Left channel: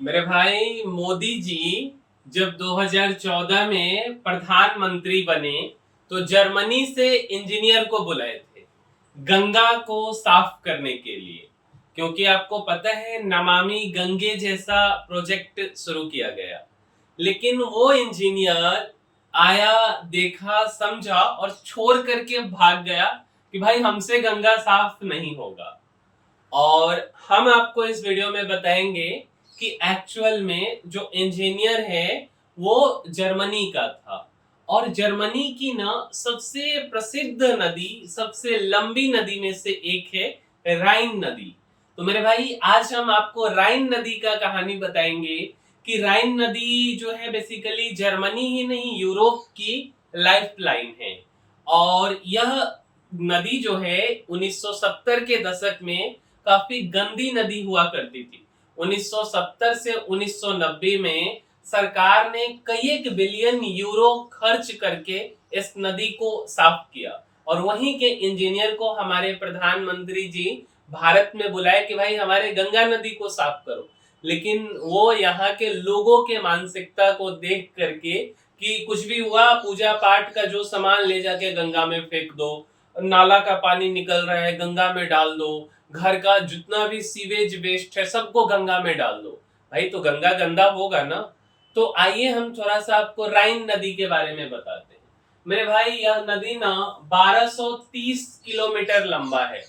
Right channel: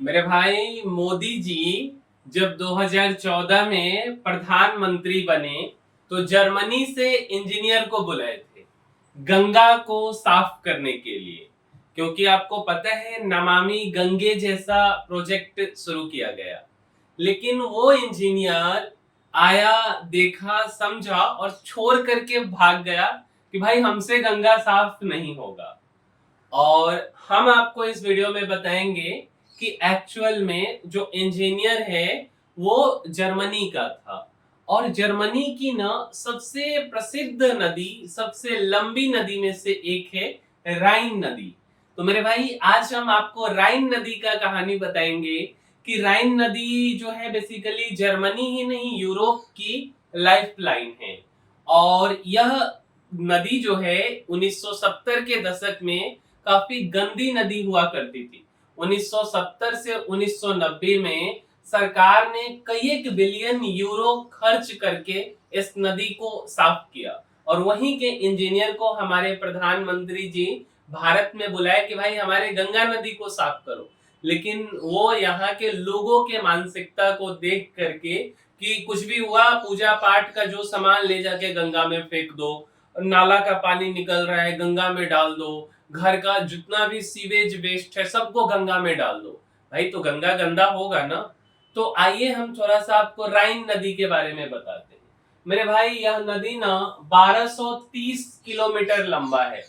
मेरे भाई मोदी जी जब 2014 में प्रधानमंत्री बने तो जर्मनी से इंजीनियर को बुलाए थे गंगा को साफ करने के लिए। क्योंकि आपको पता है नमामि गंगे जैसा प्रोजेक्ट शुरू किया गया, लेकिन वो इंजीनियर आया, देखा, समझा और छोड़ करके भाग गया कि भाई हमसे गंगा साफ नहीं होगा। और हम आपको इस वीडियो में बताएंगे कि एक्चुअल में जो इंजीनियर है वो जर्मनी का था। और जर्मनी की ना सबसे प्रसिद्ध नदी, सबसे लंबी नदी में से एक है राइन नदी। तो मेरे भाई आज हम आपको राइन नदी का कहानी बताएंगे कि राइन नदी जो है बेसिकली जर्मनी ही नहीं यूरोप की लाइफलाइन है। और यह नदी जो है 1970 के दशक में काफी गंदी नदी हुआ करती थी। 1970 से 1990 में सरकार ने कई एक बिलियन यूरो खर्च करके इस नदी को साफ किया और वहीं के इंजीनियर को हमारे प्रधानमंत्री जी भारत में बुलाए कि भाई हमारे गंगा नदी को साफ करो। लेकिन वो यहाँ के लोगों के मानसिकता को देख करके कि कुछ भी हुआ पूजा पाठ का जो सामान ले जाके गंगा में फेंक दो, नाला का पानी निकल रहा है गंगा में डाल दो, घर का जितना भी सीवेज वेस्ट है सबको गंगा में डाल दो। भाई तो गंगा गंदा होगा ना। तो आइए हम थोड़ा सा आपको राइन नदी के बारे में बताते हैं। मेरे भाई यह नदी ना 1230 किलोमीटर लंबा है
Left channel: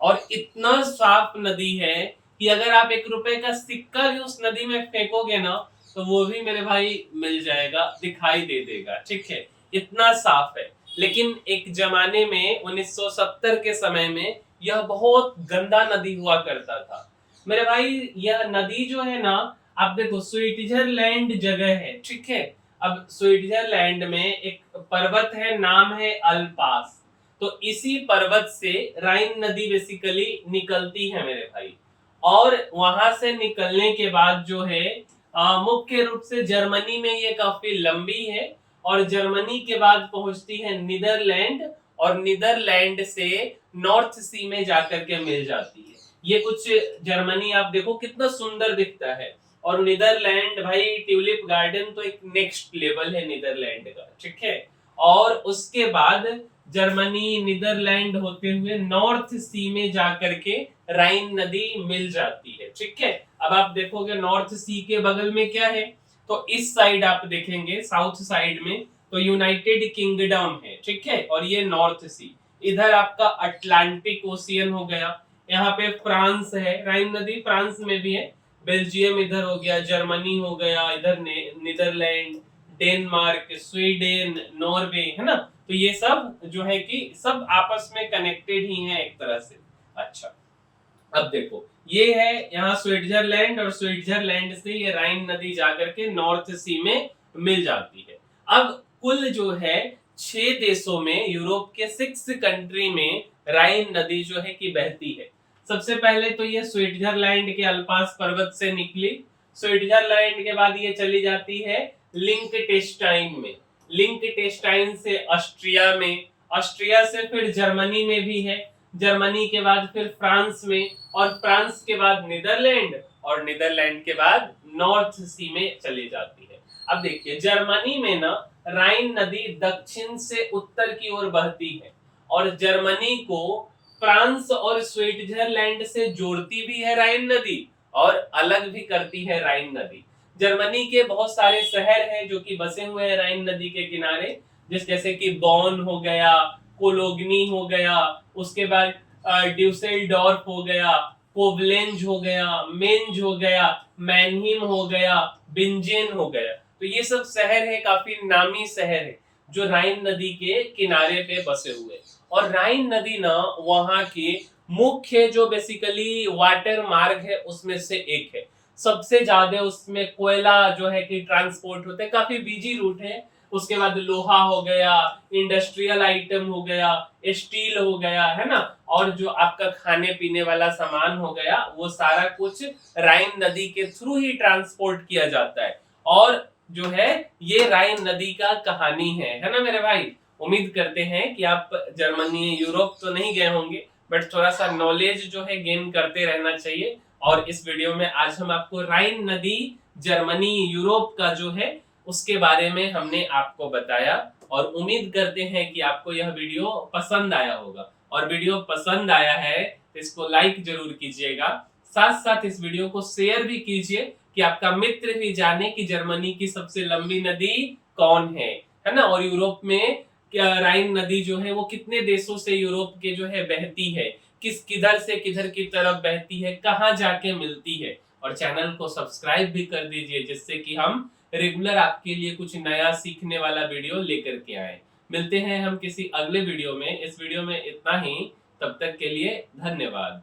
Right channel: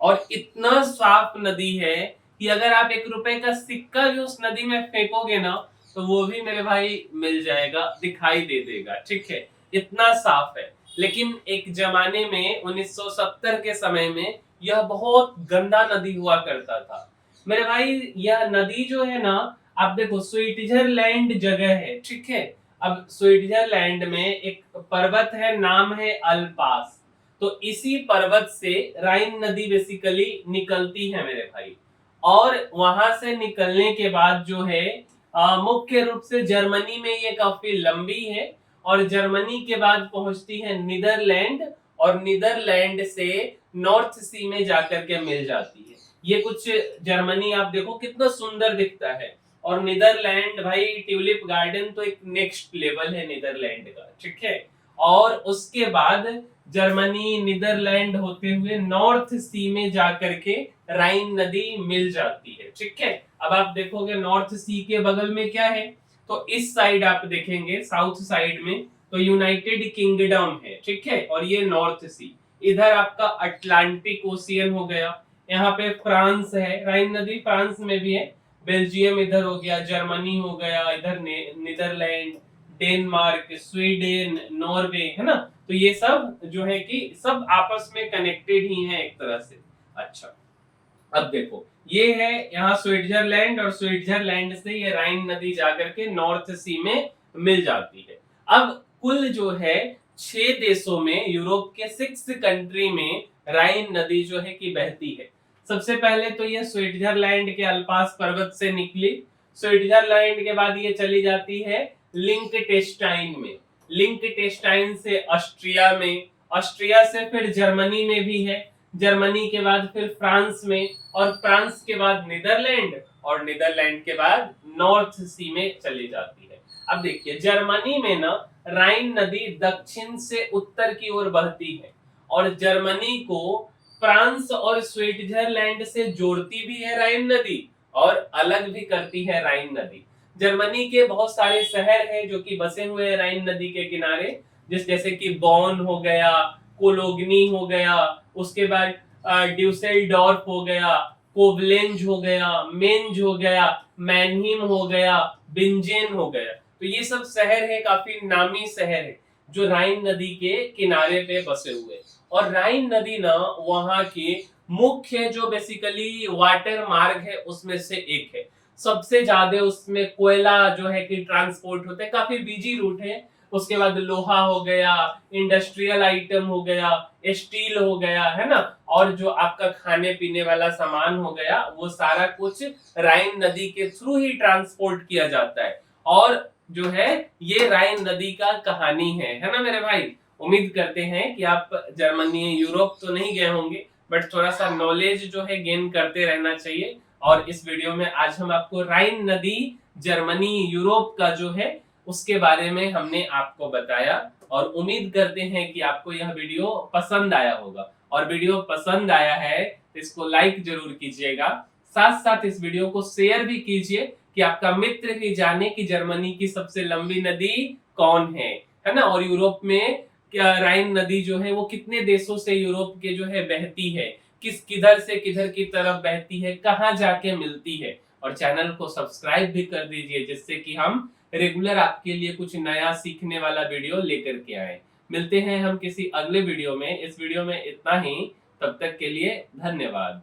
और इतना साफ नदी है कि अगर आप 1 रुपए का सिक्का भी उस नदी में फेंकोगे ना तो वो भी मेरे भाई मिल जाएगा, दिखाई दे देगा। ठीक है, इतना साफ है। लेकिन एक जमाने में 1970 के समय में यह बहुत गंदा नदी हुआ करता था। मेरे भाई यह नदी जो है ना, आप देखो स्विट्जरलैंड जगह है, ठीक है। अब स्विट्जरलैंड में एक पर्वत है, नाम है अल्पास। तो इसी पर्वत से राइन नदी बेसिकली निकलती है मेरे भाई। और वहां से निकलने के बाद जो है मुख्य रूप से जर्मनी में ये काफी लंबी है और जर्मनी के बाद पहुंचती है नीदरलैंड और नीदरलैंड से नॉर्थ सी में जाकर के मिल जाती है। ये कुछ जर्मनी आप देखो कितना सुंदर दिखता है। और नीदरलैंड भाई ट्यूलिप गार्डन तो एक नेक्स्ट लेवल है नीदरलैंड का, ठीक है। और उसके बाद जर्मनी नीदरलैंड होते हुए नॉर्थ सी में जाकर के राइन नदी मिल जाती है, ठीक है। अब आप देखोगे नॉर्थ सी के बगल में क्या है, तो इस साइड आप देखेंगे साउथ साइड में तो यूनाइटेड किंगडम है, ठीक है। और ये नॉर्थ सी, इधर आपका अटलांटिक ओशियन हो गया। यहाँ पे फ्रांस है, राइन नदी फ्रांस में भी है। बेल्जियम इधर हो गया, जर्मनी हो गया, इधर नीदरलैंड, डेनमार्क, स्वीडन, नॉर्वे, है ना। तो ये सब जो है कि सब आपस में कनेक्टेड ही हैं एक तरह से। अच्छा, अब देखो ये है यहाँ स्विट्जरलैंड और स्विट्जरलैंड से ये राइन नदी जाकर के नॉर्थ सी में मिल जाती है। अब कुल जो है 6 देशों में, यूरोप के 6 कंट्री में राइन नदी जो है कि बहती है। सबसे पहले तो ये स्विट्जरलैंड के अल्पास पर्वत से निकली। स्विट्जरलैंड के बाद ये चली जाती है लिंकटेस्टाइन में, लिंकटेस्टाइन से ऑस्ट्रिया में, ऑस्ट्रिया से फिर जर्मनी में भी है, जर्मनी के बाद फिर फ्रांस में, और फ्रांस के बाद नीदरलैंड, और नीदरलैंड के बाद नॉर्थ सी में चली जाती है। अब देखिए जर्मनी में ना राइन नदी दक्षिण से उत्तर की ओर बहती है और जर्मनी को फ्रांस और स्विट्जरलैंड से जोड़ती भी है राइन नदी और अलग भी करती है राइन नदी। जर्मनी के बहुत सारे शहर हैं जो कि बसे हुए हैं राइन नदी के किनारे, जैसे कि बॉन हो गया, कोलोगनी हो गया, उसके बाद ड्यूसेलडॉर्फ हो गया, कोवलेंज हो गया, मेंज हो गया, मैनहीम हो गया, बिंजेन हो गया। तो ये सब शहर है, काफी नामी शहर है जो राइन नदी के किनारे पे बसे हुए। और राइन नदी ना वहां के मुख्य जो बेसिकली वाटर मार्ग है उसमें से एक है। सबसे ज्यादा उसमें कोयला जो है कि ट्रांसपोर्ट होते हैं, काफी बिजी रूट है। उसके बाद लोहा हो गया, इंडस्ट्रियल आइटम हो गया, स्टील हो गया, है ना। और जो आपका खाने पीने वाला सामान हो गया वो सारा कुछ राइन नदी के थ्रू ही ट्रांसपोर्ट किया जाता है। और जो है ये राइन नदी का कहानी है ना मेरे भाई। उम्मीद करते हैं कि आप जर्मनी यूरोप तो नहीं गए होंगे, बट थोड़ा सा नॉलेज जो है गेन करते रहना चाहिए। और इस वीडियो में आज हम आपको राइन नदी जर्मनी यूरोप का जो है उसके बारे में हमने आपको बताया और उम्मीद करते हैं कि आपको यह वीडियो पसंद आया होगा। और वीडियो पसंद आया है तो इसको लाइक जरूर कीजिएगा, साथ साथ इस वीडियो को शेयर भी कीजिए कि आपका मित्र भी जाने कि जर्मनी की सबसे लंबी नदी कौन है ना। और यूरोप में क्या राइन नदी जो है वो कितने देशों से यूरोप के जो है बहती है, किधर से किधर की तरफ बहती है, कहाँ जाके मिलती है। और चैनल को सब्सक्राइब भी कर दीजिए जिससे कि हम रेगुलर आपके लिए कुछ नया सीखने वाला वीडियो लेकर के आए। मिलते हैं हम किसी अगले वीडियो में। इस वीडियो में इतना ही, तब तक के लिए धन्यवाद।